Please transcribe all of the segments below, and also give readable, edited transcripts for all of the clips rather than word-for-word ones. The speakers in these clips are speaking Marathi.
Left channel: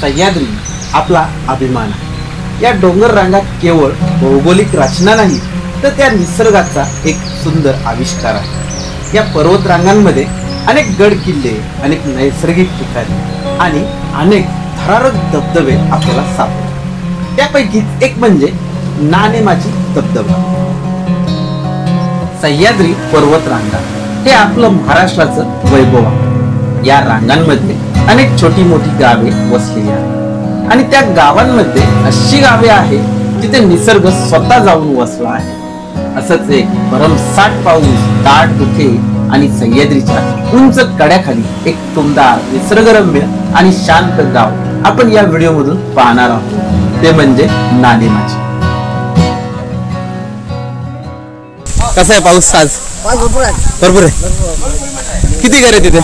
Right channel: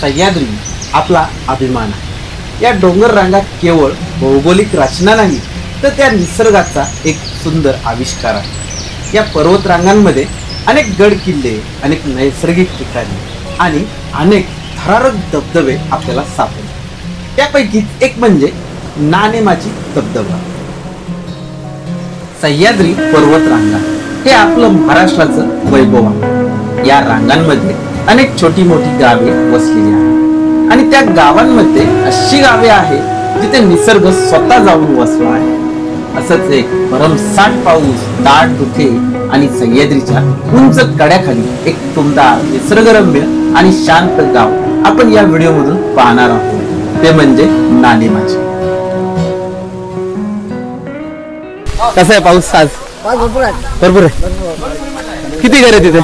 सह्याद्री आपला अभिमान आहे। या डोंगर रांगा केवळ भौगोलिक रचना नाही तर त्या निसर्गाचा एक सुंदर आविष्कार आहे। या पर्वत रांगांमध्ये अनेक गड किल्ले, अनेक नैसर्गिक ठिकाणे आणि अनेक थरारक धबधबे आपल्याला सापडतात। त्यापैकी एक म्हणजे नानेमाची धबधबा। सह्याद्री पर्वत रांगा हे आपलं महाराष्ट्राचं वैभव आहे। या रांगांमध्ये अनेक छोटी मोठी गावे वसलेली आहेत आणि त्या गावांमध्ये अशी गावे आहेत जिथे निसर्ग स्वतः जाऊन वसला आहे। असंच एक भरमसाठ पाऊस, दाट धुके आणि सह्याद्रीच्या उंच कड्याखाली एक टुमदार, निसर्गरम्य आणि शांत गाव आपण या व्हिडिओ मधून पाहणार आहोत, ते म्हणजे नानेमाची। कसा आहे पाऊस आज? भरपूर आहे, भरपूर आहे। किती घर आहे तिथे?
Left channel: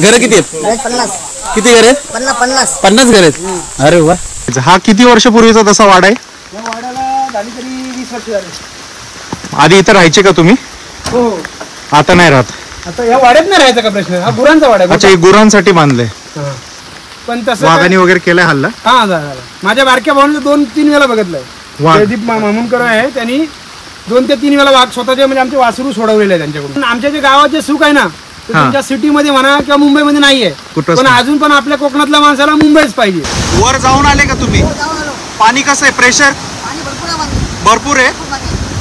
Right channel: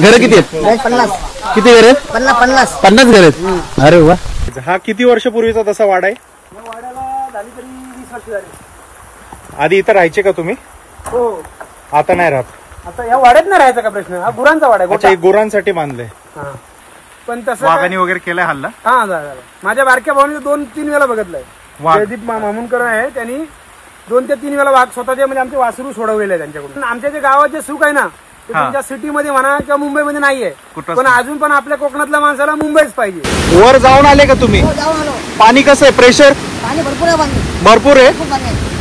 घर किती आहेत? 50। किती घर आहेत? 50 50 घर आहेत। अरे वा। हा किती वर्षापूर्वीचा तसा वाडा आहे? या वाड्याला झाली तरी 20 वर्ष झाली। आधी इथं राहायचे का तुम्ही? हो। आता नाही राहत? आता या वाड्यात नाही राहायचा का प्रश्न? हा गुरांचा वाडा आहे। अच्छा, हे गुरांसाठी बांधले? पण तसं वाघाने वगैरे केलाय हल्ला? हा झाला। माझ्या बारक्या भावाने 2-3 वेळा बघितलंय। जयदीप मामुनकर आहे, त्यांनी 2 ते 3 वेळा वाघ स्वतःच्या म्हणजे आमचे वासरू सोडवलेले आहे त्यांच्याकडून। आमच्या जे गावात जे सुख आहे ना, तुमच्या सिटी मध्ये म्हणा किंवा मुंबईमध्ये नाहीये, पण अजून पण आपल्या कोकणातल्या माणसाला मुंबईच पाहिजे। वर जाऊन आले का तुम्ही? पाणी कसं आहे? प्रेशर पाणी भरपूर आहे। भरपूर आहे।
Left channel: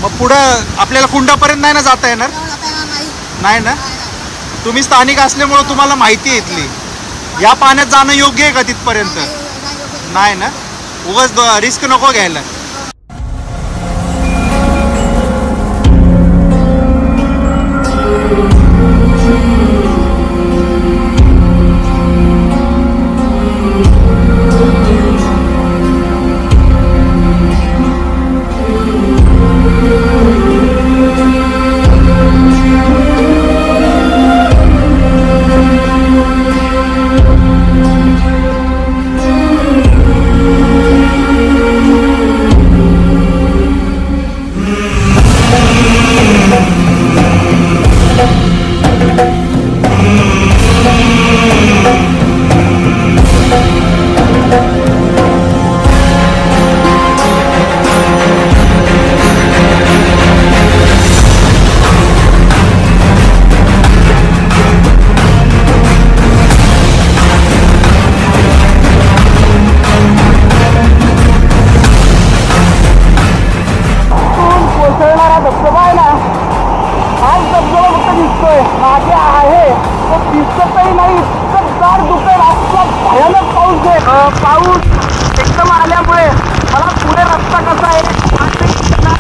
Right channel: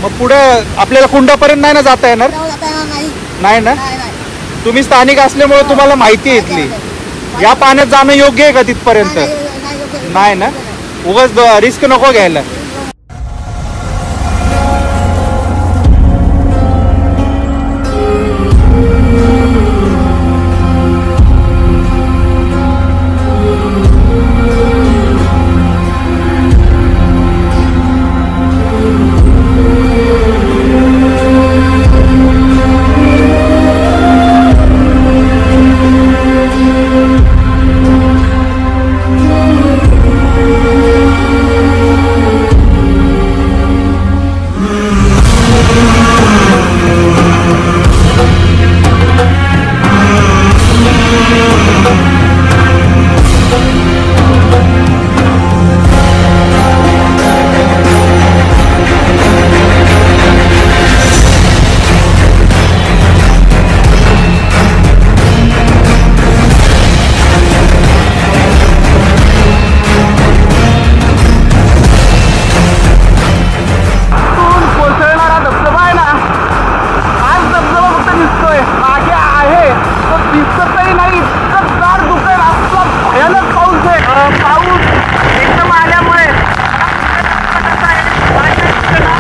मग पुढं आपल्याला कुंडापर्यंत नाही ना जाता येणार? नाही ना? तुम्ही स्थानिक असल्यामुळे तुम्हाला माहिती आहे इथली। या पाण्यात जाणं योग्य आहे का तिथपर्यंत? नाही ना? उगाच रिस्क नको घ्यायला। मागे आहे तो दिसतही नाही, इतकं दार दुखेल असला भयानक पाऊस आहे। पाऊस एकदम आल्यामुळे मला पुढे रस्ता कसा आहे माहिती दिसेना।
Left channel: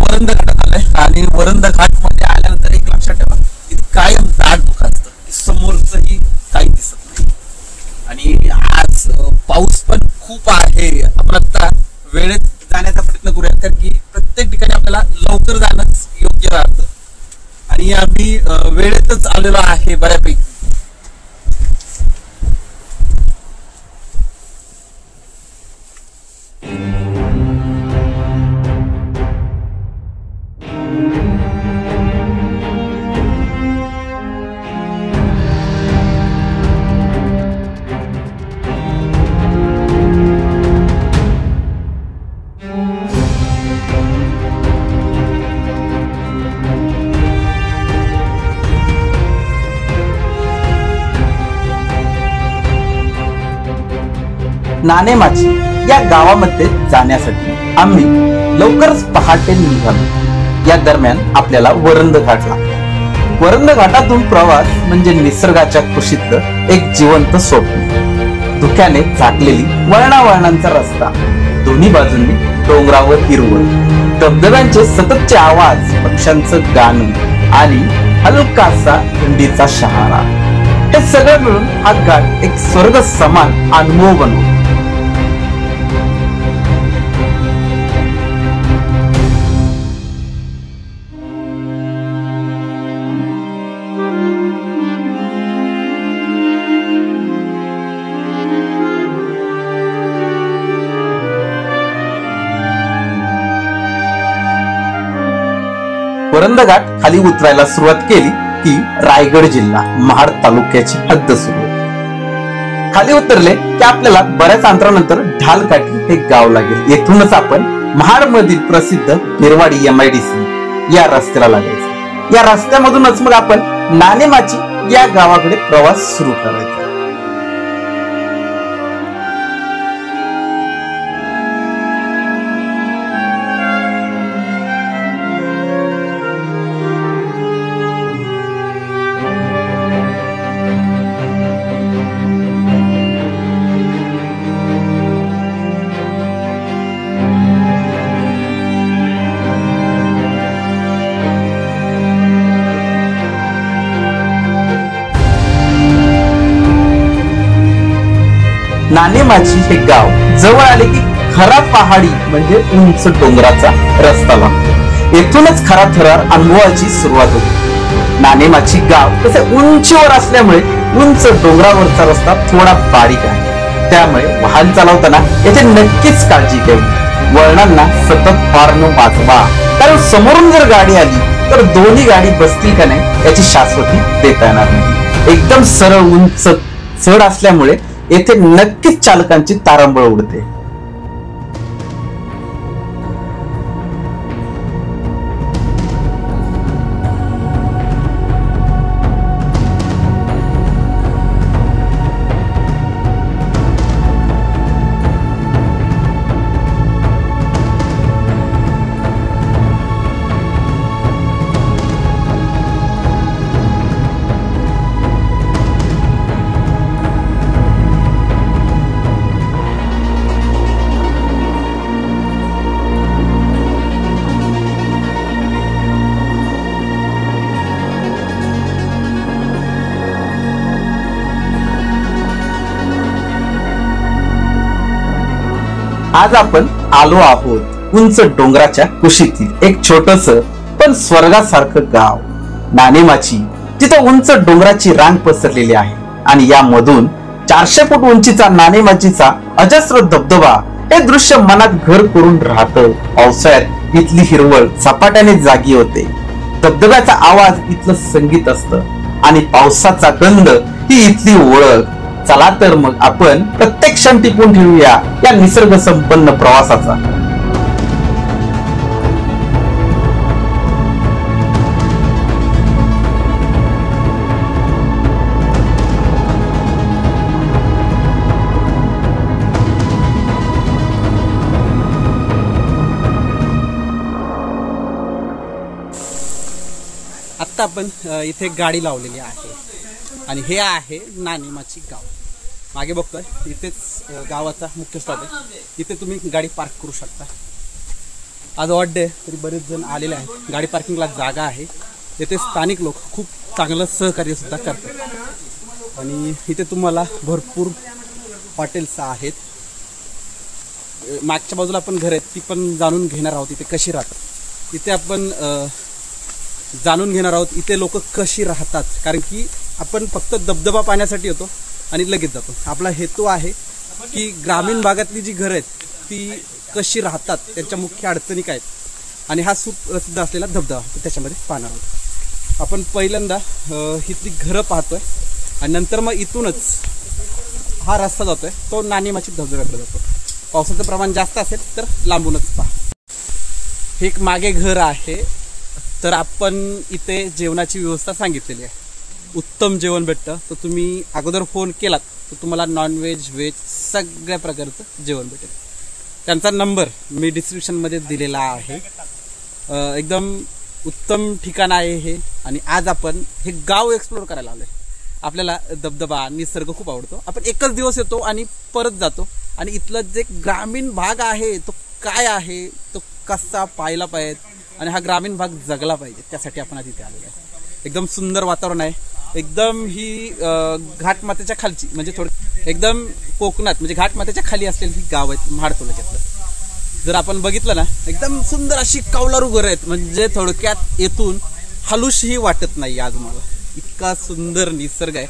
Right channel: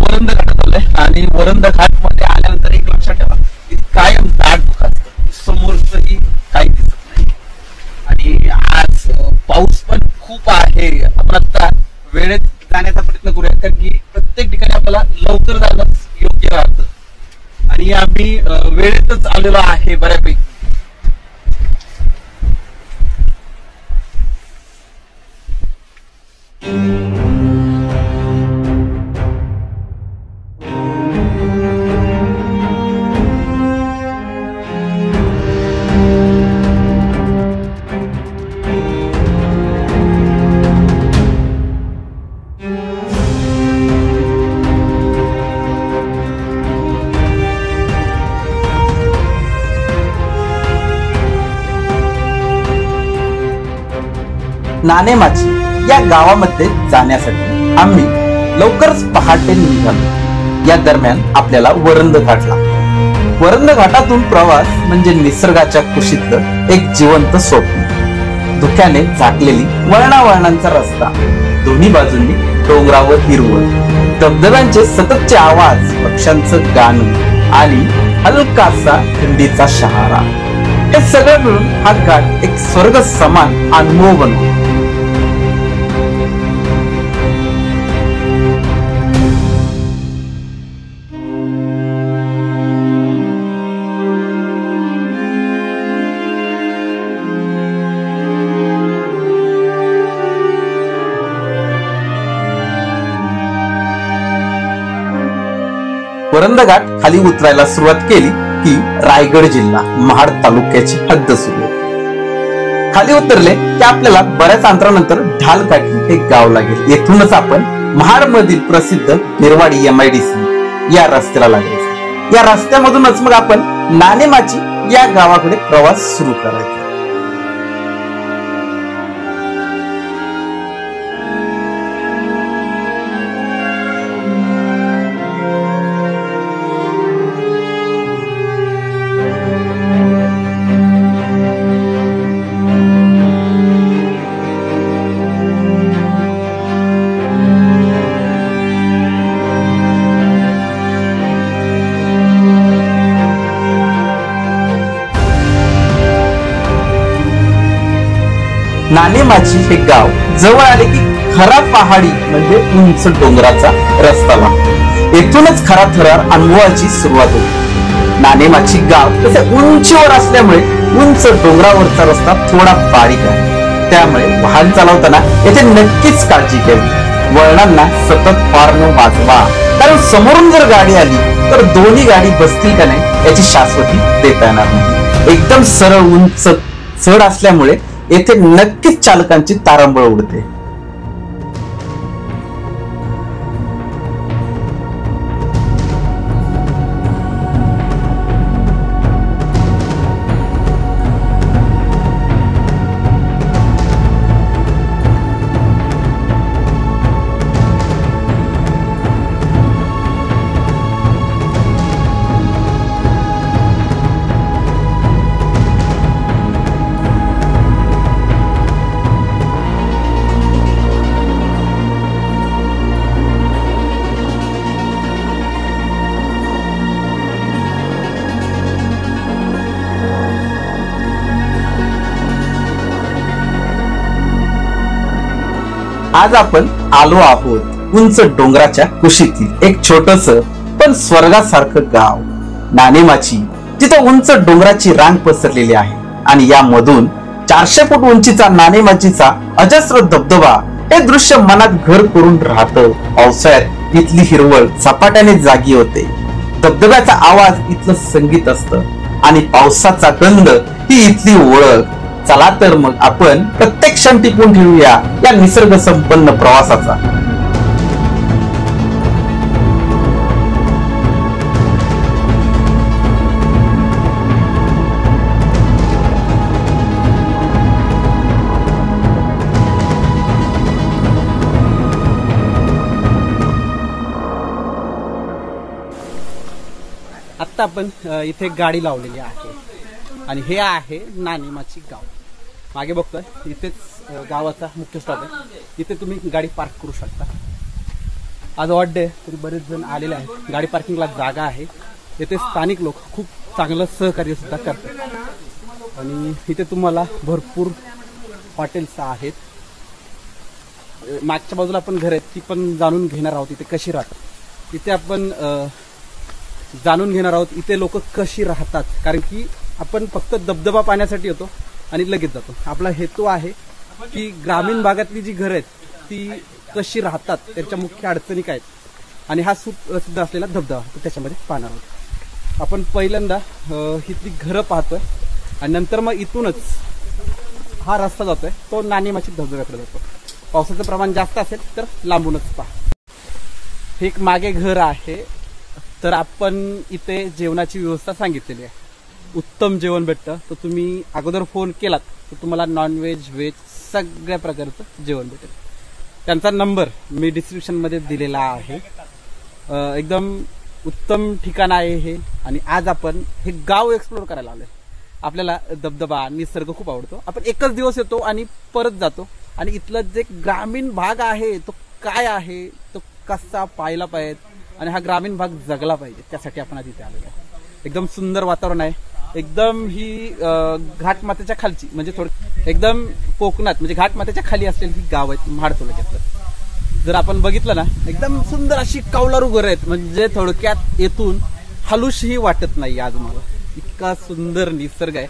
वरंद घाटात आलोय आणि वरंद घाट मध्ये आल्यानंतर एक लक्षात ठेवा, कायम दाट धुकं असतं, समोरचंही काही दिसत नाही। आणि आज पाऊस पण खूप आहे। आपण आता वेळेत जाण्याचा प्रयत्न करूया, कारण की प्रत्येक ठिकाणी आपल्याला लवकर जाणंच योग्य राहतं आणि आम्ही वेळेतच आलेलो आहे बऱ्यापैकी। नाणेमाची या गावामध्ये जाण्यासाठी आम्ही लवकरच पहाटे निघालो. या दरम्यान आपल्याला वरंद घाटला. वरंद घाटातून प्रवास म्हणजे निसर्गाच्या कुशीतलं एक जिवंत स्वप्न. धुक्याने झाकलेली वळणावळणांचा रस्ता, दोन्ही बाजूंनी डोंगरावर हिरवळ, धबधब्यांचे सततचे आवाज, पक्ष्यांचं गाणं आणि हलकासा थंडीचा शहारा, हे सगळं मिळून हा घाट एक स्वर्ग समान अनुभव बनवतो. वरंद घाट खाली उतरायला सुरुवात केली की रायगड जिल्हा महाड तालुक्याची हद्द सुरू होते. खाली उतरले की आपल्याला बऱ्याच अंतरानंतर ढालकाठी हे गाव लागेल. येथूनच आपण महाड मधील प्रसिद्ध बेरवाडी MIDC या रस्त्याला लागायचं. या रस्त्यामधूनच मग आपण नाणेमाची या गावाकडे प्रवास सुरू करायचा. नाणेमाची हे गाव जवळ आले की खरा पहाडी म्हणजे उंच डोंगराचा रस्ता लागतो. येथूनच खरा थरार अनुभवाची सुरुवात होती. नाणेमाची गाव तसे उंचीवर असल्यामुळे उंच डोंगरावरचा रस्ता थोडा बारीक आहे. त्यामुळे वाहन चालवताना येथे नक्कीच काळजी घ्यावी. वळणांना सतत हॉर्न वाजवा, कारण समोरून जर गाडी आली तर दोन्ही गाडी बसतील का नाही याची शाश्वती देता येणार नाही. एकदम सरळ उंच चढ असल्यामुळे येथे नक्कीच चालकांची तारंबळ उडते. आज आपण आलो आहोत उंच डोंगराच्या कुशीतील एक छोटस पण स्वर्गासारखं गाव नाणेमाची, जिथं उंच डोंगराची रांग पसरलेली आहे आणि यामधून 400 फूट उंचीचा नाणेमाचीचा अजस्र धबधबा हे दृश्य मनात घर करून राहतं. पावसाळ्यात इथली हिरवळ झपाट्याने जागी होते. धबधब्याचा आवाज इथलं संगीत असतं आणि पावसाचा गंध ही इथली ओळख. चला तर मग आपण प्रत्येक क्षण टिपून ठेवूया या निसर्ग संपन्न प्रवासाचा. आत्ता आपण इथे गाडी लावलेली आहे आणि हे आहे नाणेमाची गाव. मागे बघतोय इथेच गावाचा मुख्य स्टॉप आहे. इथे तुम्ही गाडी पार्क करू शकता. आज ऑड डे तरी बरेच जण आलेले आहेत. गाडी पार्किंगला जागा आहे. इथे स्थानिक लोक खूप चांगलं सहकार्य सुद्धा करतात आणि इथे तुम्हाला भरपूर हॉटेल्स आहेत. मागच्या बाजूला आपण घर आहेत ती पण जाणून घेणार आहोत इथे कशी राहतात. इथे आपण जाणून घेणार आहोत इथे लोक कशी राहतात, कारण की आपण फक्त धबधबा पाहण्यासाठी येतो आणि लगेच जातो. आपला हेतू आहे की ग्रामीण भागातली जी घरं आहेत ती कशी राहतात, त्यांच्या मुख्य अडचणी काय आहेत आणि हा सुप्रसिद्ध असलेला धबधबा त्याच्यामध्ये पाहणार आहोत. आपण पहिल्यांदा इथली घरं पाहतोय आणि नंतर मग इथूनच हा रस्ता जातोय तो नाणेमाची धबधब्याकडे जातो. पावसाचं प्रमाण जास्त असेल तर लांबूनच पहा. हे एक मागे घर आहे. तर आपण इथे जेवणाची व्यवस्था सांगितलेली आहे. उत्तम जेवण भेटतं. तर तुम्ही अगोदर फोन केलात तर तुम्हाला नॉनव्हेज व्हेज सगळ्या प्रकारचं जेवण भेटेल. त्यांचा नंबर मी डिस्क्रिप्शनमध्ये दिलेला आहे. एकदम उत्तम ठिकाण आहे हे. आणि आज आपण हे गाव एक्सप्लोर करायला आलोय. आपल्याला धबधबा निसर्ग खूप आवडतो. आपण एकच दिवस येतो आणि परत जातो. आणि इथलं जे ग्रामीण भाग आहे तो काय आहे, तो कसा पाहायला पाहिजे आणि हा ग्रामीण भाग जगला पाहिजे, त्यासाठी आपण आज इथे आलेलो आहे. एकदम सुंदर वातावरण आहे. एकदम ही घाटमाथ्याच्या खालची म्हणजे थोडं एकदम कोकणात म्हणजे घाटमाथ्याच्या खाली असलेली ही गाव आहेत महाड तालुक्यातलं. जर आपण बघितलं ना एकदम सुंदर अशी कौलारू घरं आहेत. म्हणजे थोडक्यात येथून हलूशही वाटत नाही आज मला. इतका सुंदर निसर्ग आहे.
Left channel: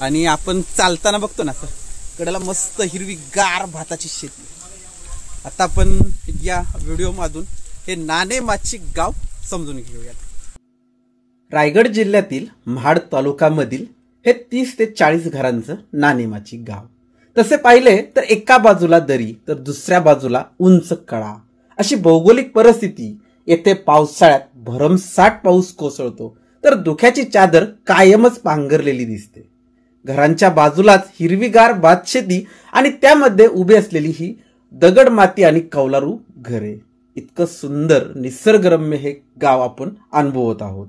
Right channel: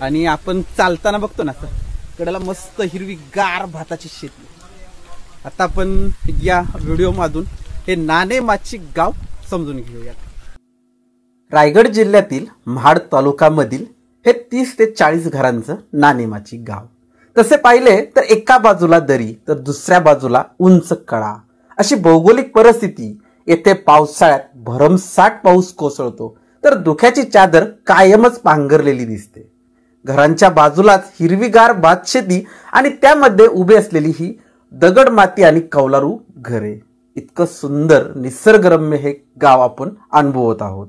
आणि आपण चालताना बघतो ना असं कडेला मस्त हिरवी गार भाताची शेती. आता आपण या व्हिडिओमधून हे नाणेमाची गाव समजून घेऊयात. रायगड जिल्ह्यातील महाड तालुक्यामधील हे 30 ते 40 घरांचं नाणेमाची गाव. तसे पाहिले तर एका बाजूला दरी तर दुसऱ्या बाजूला उंच कडा अशी भौगोलिक परिस्थिती. येथे पावसाळ्यात भरमसाठ पाऊस कोसळतो तर धुक्याची चादर कायमच पांघरलेली दिसते. घरांच्या बाजूलाच हिरवीगार भातशेती आणि त्यामध्ये उभी असलेली ही दगड माती आणि कौलारू घरे. इतकं सुंदर निसर्गरम्य हे गाव आपण अनुभवत आहोत.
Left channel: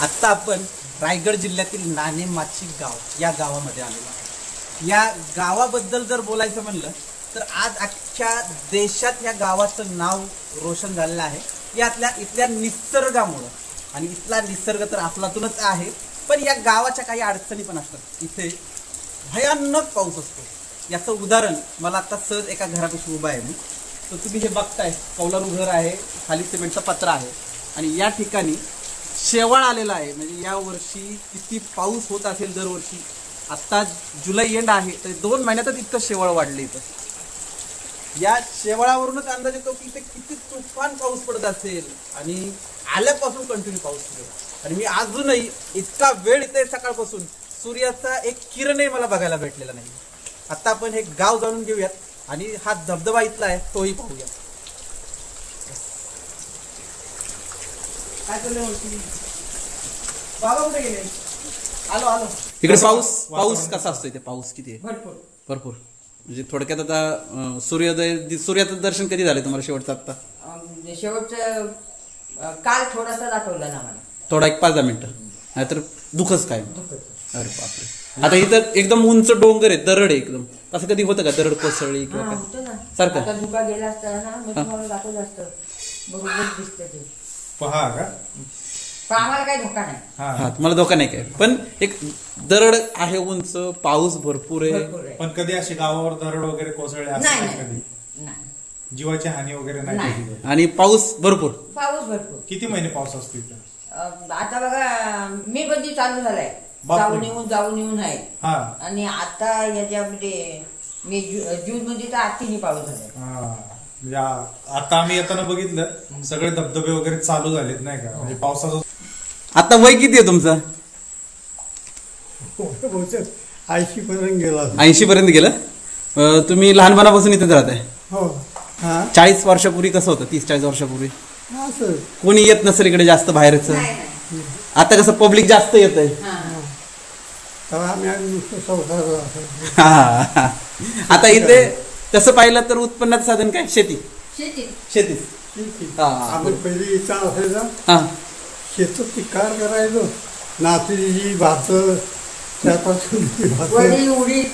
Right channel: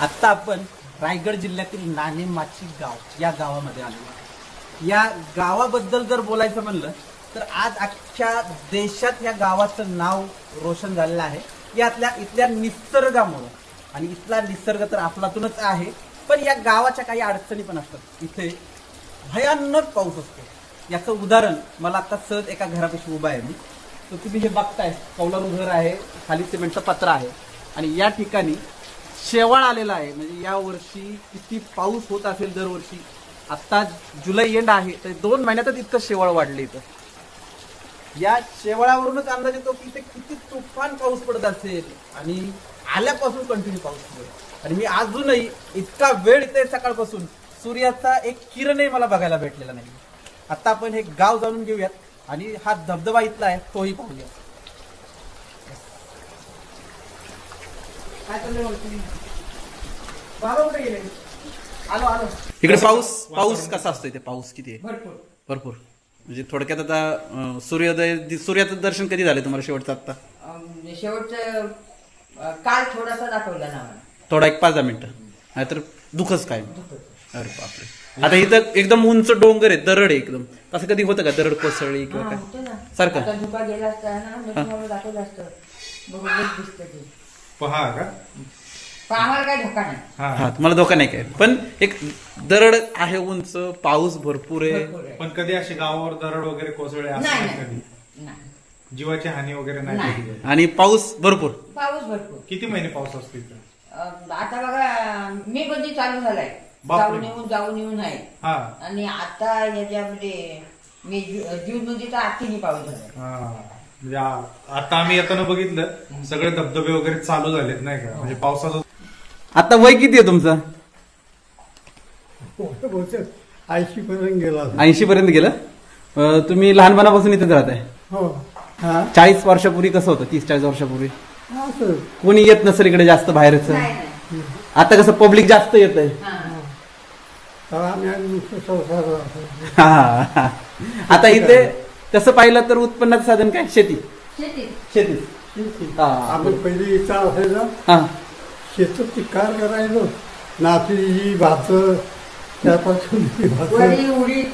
आता आपण रायगड जिल्ह्यातील नाणेमाची गाव या गावामध्ये आलेलो आहे. या गावाबद्दल जर बोलायचं म्हणलं तर आज अख्ख्या देशात या गावाचं नाव रोशन झालेलं आहे. इथल्या निसर्गामुळं. आणि इथला निसर्ग तर अफलातूनच आहे. पण या गावाच्या काही अडचणी पण असतात. इथे भयानक पाऊस असतो. याचं उदाहरण मला आता सहज एका घरापाशी उभा आहे मी. तर तुम्ही हे बघताय कौलारू घर आहे, खाली सिमेंटचं पत्र आहे. आणि या ठिकाणी शेवाळ आलेला आहे. म्हणजे या वर्षी किती पाऊस होत असेल दरवर्षी. आता जुलै एंड आहे तर 2 महिन्यातच इतकं शेवाळ वाढले. इथं या शेवाळावरूनच अंदाज येतो की इथे किती तुफान पाऊस पडत असेल. आणि आल्यापासून कंटिन्यू पाऊस पडतो. आणि मी अजूनही इतका वेळ इथे सकाळपासून सूर्याचा एक किरणही मला बघायला भेटलेला नाही. आता आपण हे गाव जाणून घेऊयात आणि हा धबधबा इथला आहे तोही पाहूया. काय चाललंय बाबा, कुठे गेले? आलो आलो. इकडे पाऊस कसा असतो इथे? पाऊस किती आहे? भरपूर. म्हणजे थोडक्यात आता सूर्याचं दर्शन कधी झालं तुम्हाला शेवटचं? आता शेवटचं काल थोडासा दाखवला ना मला. थोडा 1-5 मिनिटं. नाहीतर दुखच काय. अरे बापरे. आता इथं एकदम उंच डोंगर आहे, दरड आहे एकदम. असं कधी होतं का दरड कोसळली किंवा काय सारखं? धुका गेला असता ना मी तुम्हाला दाखवलं असतं. बरोबर दिसतं ते. पहा का आम्हाला काही धोका नाही. हा तुम्हाला धोका नाही काय. पण एक दरड आहे उंच, पाऊस भरपूर आहे. पण कधी अशी गावावर दरड वगैरे कोसळले असं नाही कधी? जीवाची हानी वगैरे नाही. आणि पाऊस भरपूर. किती महिने पाऊस असतो इथे? आता बघा मे मध्ये चालू झालाय. जाऊन येऊन आहे. आणि आता याच्यामध्ये मे जून मध्ये तर आत्तीने पाऊस झाला. म्हणजे आता आम्ही येताना बघितलं सगळे धबधबे वगैरे चालू झालेत नाही का? म्हणजे पावसाचं. आता वय किती आहे तुमचं? 80 पर्यंत गेलं. तुम्ही लहानपणापासून इथेच राहताय? 40 वर्षापूर्वी कसं होतं? 30-40 वर्षापूर्वी कोणी येत नसेल इकडे जास्त बाहेरच. आता कसं पब्लिक जास्त येत आहे. आता इथे तसं पाहिलं तर उत्पन्नाचं साधन काय? शेती. आपण पहिले इथं असायचं शेतात पिकार करायचो. नाचली भात त्यापासून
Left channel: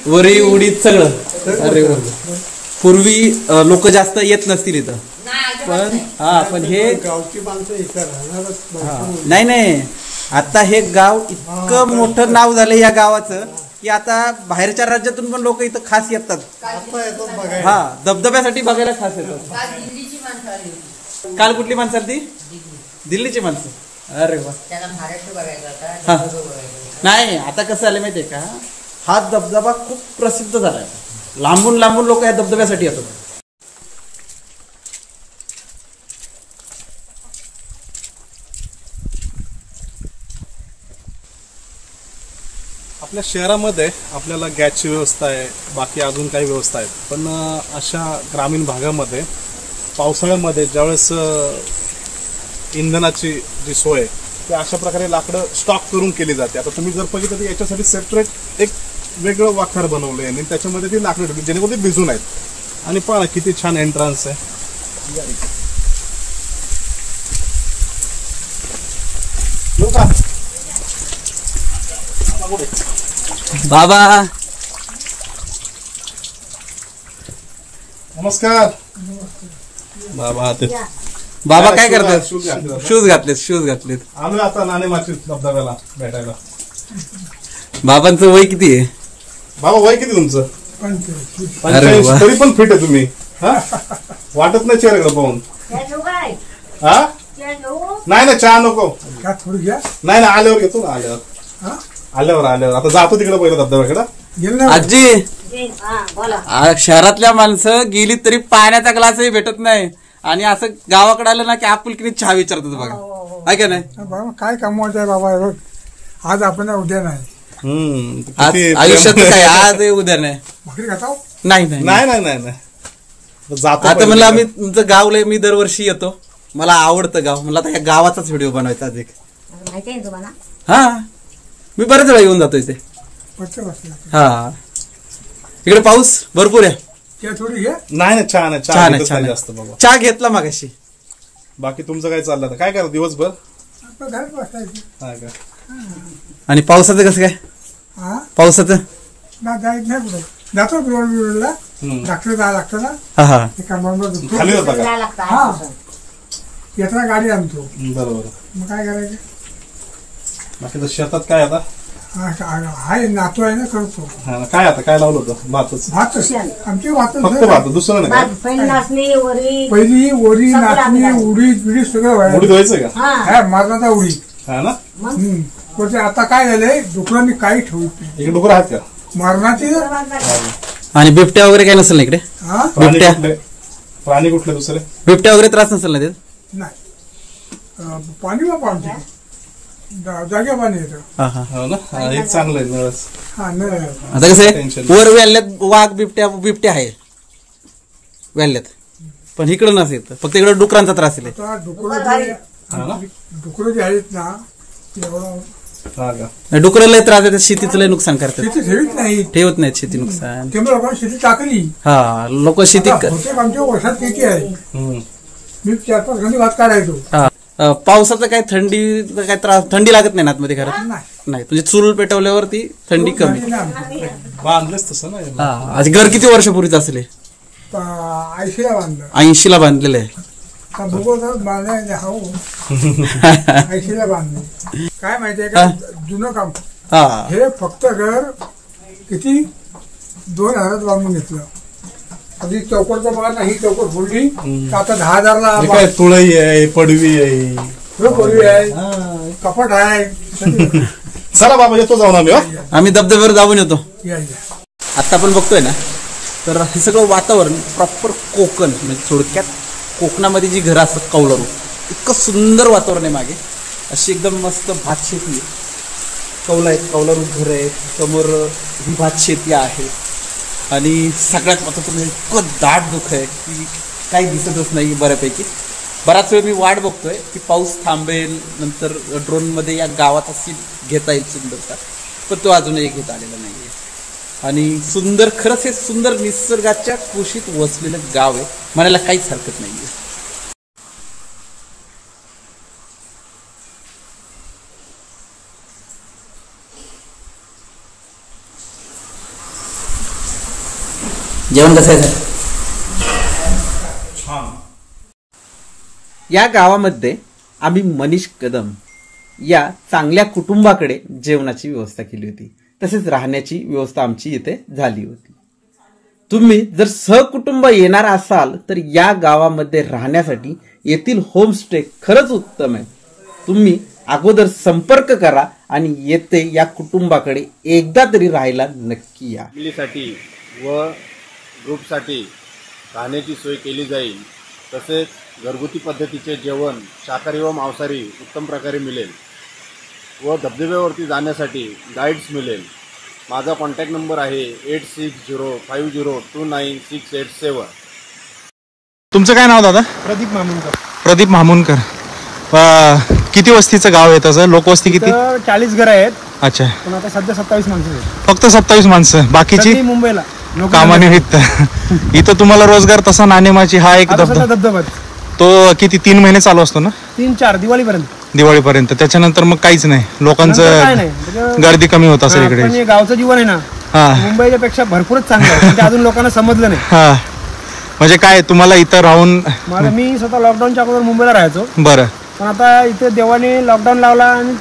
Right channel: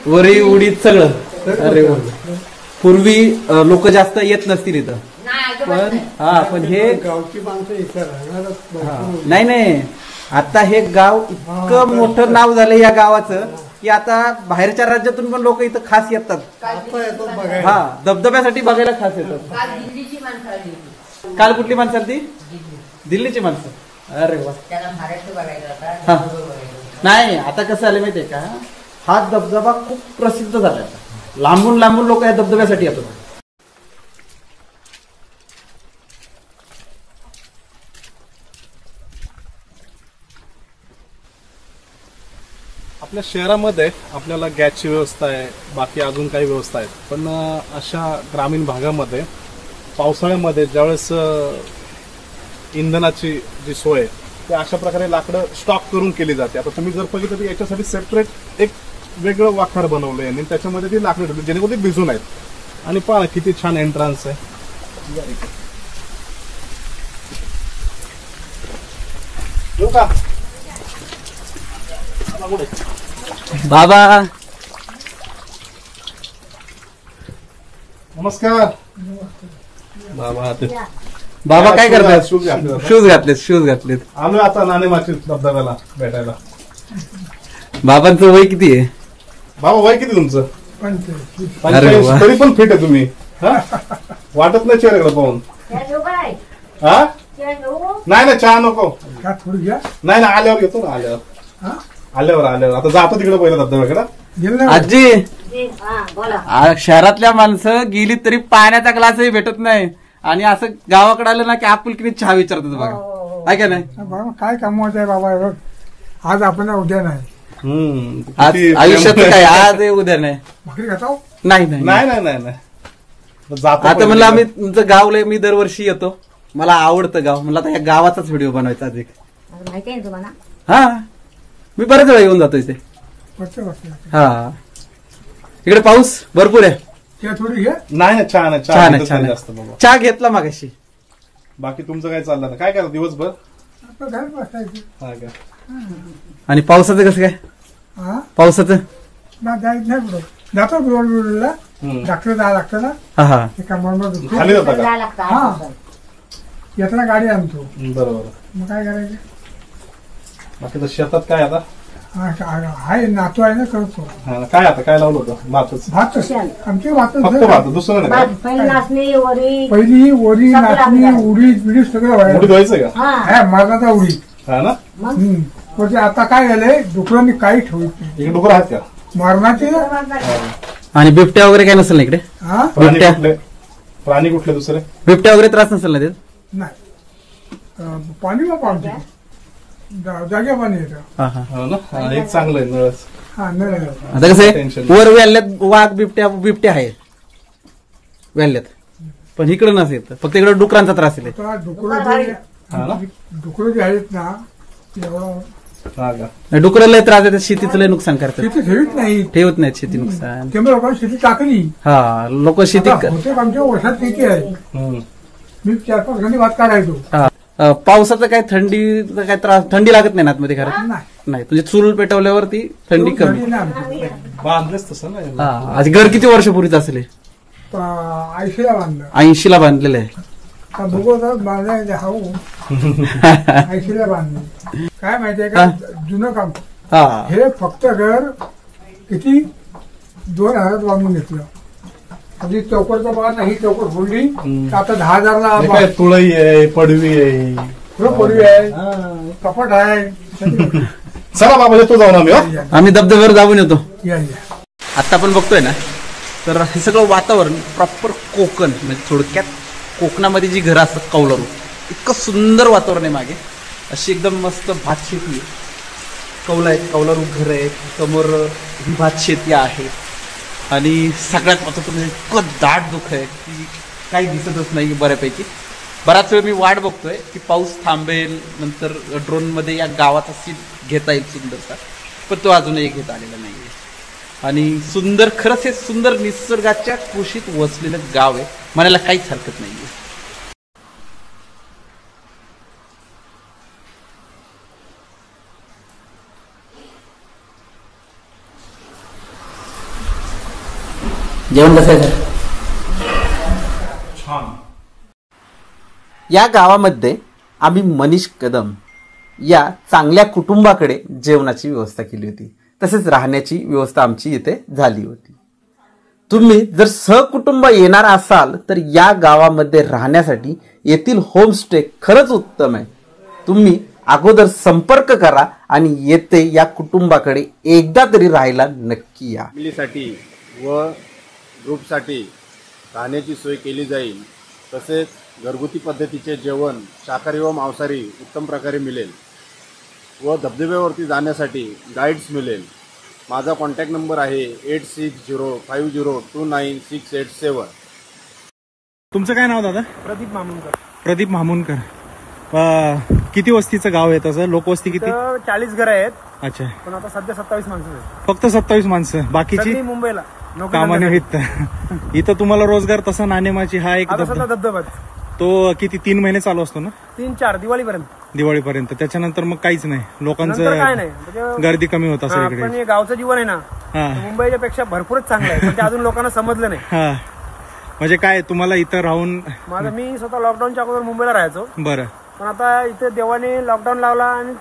वरी उडीद सगळं. अरे पूर्वी लोक जास्त येत नसतील इथं. पण हे गावची माणसं इथं राहणारच नाही. आता हे गाव इतकं मोठं नाव झालं या गावाचं की आता बाहेरच्या राज्यातून पण लोक इथं खास येतात. हा धबधब्यासाठी बघायला खास येतात. काल कुठली माणसं आली? दिल्लीची माणसं. अरे वा. नाही आता कसं आलं माहितीये का? हा धबधबा खूप प्रसिद्ध झाला. आता लांबून लोक या धबधब्यासाठी येतात. आपल्या शहरामध्ये आपल्याला गॅसची व्यवस्था आहे, बाकी अजून काही व्यवस्था आहेत. पण अशा ग्रामीण भागामध्ये पावसाळ्यामध्ये ज्यावेळेस इंधनाची जी सोय ते अशा प्रकारे लाकडं स्टॉक करून केली जाते. आता तुम्ही जर बघितलं तर याच्यासाठी सेपरेट एक वेगळं वाखार बनवलंय आणि त्याच्यामध्ये ती लाकडं ठेवली जेणेकरून ते भिजून आहेत. आणि पहा किती छान एंट्रन्स आहे. येऊ का बाबा नमस्कार. बाबा बाबा काय करतात? शूज शूज घातलेत. आलोय आता नाणेमाची धबधब्याला भेटायला. बाबांचं वय किती आहे? बाबा वय किती तुमचं? 45. तरी पण फिट आहे तुम्ही. वाटत नाही चेहऱ्याकडे पाहून. हा नाही चहा नको. का थोडी घ्या. नाही आल्यावर घेतो ना. आल्यावर आता जातो तिकडे पहिला धबधब्याकडे. आजी शहरातल्या माणसं गेली तरी पाण्याचा ग्लासही भेटत नाही आणि असं गावाकडे आलं ना की आपुलकीने चहा विचारतात बघा. आहे का नाही? बाबा काय कमवत आहे बाबा हे बघ. आज आपण उद्या नाही. आयुष्यात काय आज आहे उद्या नाही. भाकरी खाता नाही. आता म्हणलं आम्ही तुमचं गाव लय मी दरवर्षी येतो. मला आवडतं गाव. मला आता या गावाचाच व्हिडिओ बनवायचा आज एक. माहिती आहे तुम्हाला? हा मी बरेच वेळा येऊन जातो इथे. हा इकडे पाऊस भरपूर आहे. थोडी घ्या. नाही चहा घेतला मागाशी. बाकी तुमचं काय चाललं? काय करा दिवसभर? घरात बसायचं. आणि पावसाचं कसं काय? पावसाचं जायचं नाही पुढं. जातो रोडला डॉक्टर जायला लागतं ना. हा खाली जाता का? येताना गाडी आणतो. बरोबर. मग काय करायचं? बाकी तर शेतात काय आता? हाय नातू आहे ना करतो. काय आता काय लावलं होतं? भात आमचे भात फक्त भात दुसरं नाही. पहिली वरी नाचणी उडीद बिडीद सगळं उडीद व्हायचं का? मरणाचा उडीद. हा ना. आता काय झालंय डुकरांनी काही ठेवत नाही. एक डुकर आहेत का? मरणाची. आणि बिबट्या वगैरे काय नसेल ना इकडे? प्राणी कुठले दुसरे? बिबट्या वगैरे त्रास नसेल ना? नाही पाणी बाबा आमच्या जागे पाणी येतं. एक चांगलं आहे नळस. आता कसं आहे वर वेल्ल्यात वाघ बिबट्या आहे वेल्ल्यात पण इकडं नसेल फक्त इकडे डुकरांचा त्रास आहे. डुकरं जे आहेत ना एवढा डुकरं लय त्रास देतात. शेतीचं लय नुकसान करतात. शेती ठेवत नाहीत शेती नुकसान. त्यामुळे लोकांनी शेती टाकली. हा लोक शेती आमच्या वर्षात किती आहे. मी 4-5 घंटे भात काढायचो. पावसाचं काय थंडी काय त्रास थंडी लागत नाही ना आतमध्ये घरात? नाही म्हणजे चूल पेटवल्यावरती थंडी कमी. बांधलंच तसं ना. आज घर किती वर्षापूर्वीच असेल? 80ला बांधलं. 80ला बांधलेलं आहे. बांधायचं हा 80ला बांधलं. काय माहितीये का जुनं काम. हे फक्त घर किती 2000 बांधून घेतलं. आधी चौकटचं बघा ना. ही चौकट फोडली आता 10,000ला. तुळई आहे पडवी आहे पडवी आहे कपाट आहे. चला बाबा येतो जाऊन आम्ही धबधब्यावर जाऊन येतो. या आता आपण बघतोय ना तर हे सगळं वातावरण प्रॉपर कोकण म्हणजे थोडक्यात कोकणामध्ये जी घरं असतात कौलारू इतकं सुंदर वातावरण आहे. मागे अशी एकदम मस्त भात शेती आहे. कौला आहेत कौलारू घर आहेत. समोर ही भात शेती आहे आणि सगळ्यात महत्त्वाचं इतकं दाट दुःख आहे की काही दिसतच नाही बऱ्यापैकी. बराच वेळ मी वाट बघतोय की पाऊस थांबेल नंतर ड्रोनमध्ये या गावाचा सीन घेता येईल सुंदरचा पण तो अजूनही घेता आलेला नाही आहे. आणि सुंदर खरंच हे सुंदर निसर्गाच्या कुशीत वसलेलं गाव आहे. म्हणायला काहीच हरकत नाही आहे. जेवण कसं आहे सर? छान. या गावामध्ये आम्ही मनीष कदम या चांगल्या कुटुंबाकडे जेवणाची व्यवस्था केली होती. तसेच राहण्याची व्यवस्था आमची इथे झाली होती. तुम्ही जर सहकुटुंब येणार असाल तर या गावामध्ये राहण्यासाठी येथील होमस्टे खरंच उत्तम आहे. तुम्ही अगोदर संपर्क करा आणि येथे या कुटुंबाकडे एकदा तरी राहायला नक्की या. फॅमिलीसाठी व ग्रुपसाठी राहण्याची सोय केली जाईल. तसेच घरगुती पद्धतीचे जेवण शाकाहारी व मांसाहारी उत्तम प्रकारे मिळेल व धबधब्यावरती जाण्यासाठी गाईड्स मिळेल. माझा कॉन्टॅक्ट नंबर आहे 8605029687. तुमचं काय नाव दादा? प्रदीप मामुनकर. प्रदीप मामुनकर. किती वस्तीचं गाव आहे तसं? लोकवस्ती किती? 40 घरं आहेत. अच्छा. पण आता सध्या 27 माणसं आहेत. फक्त 27 माणसं, बाकीची सगळी मुंबईला कामानिमित्त. इथं तुम्हाला रोजगार तसा नाणेमाची हा एक धबधबा तो किती 3 महिने चालू असतो ना? 3-4 दिवाळीपर्यंत. त्याच्यानंतर मग काहीच नाही, लोकांचं गर्दी कमी होत असेल इकडे. पण हे गावचं जीवन आहे ना मुंबईच्या पेक्षा भरपूरच चांगलं आहे. ते अजून लोकांना समजलं नाही. हा, म्हणजे काय तुम्हाला इथं राहून? मी स्वतः लॉकडाऊनच्या अगोदर मुंबईला राहायचो. बरं. पण आता इथे देवाने लॉकडाऊन लावला आणि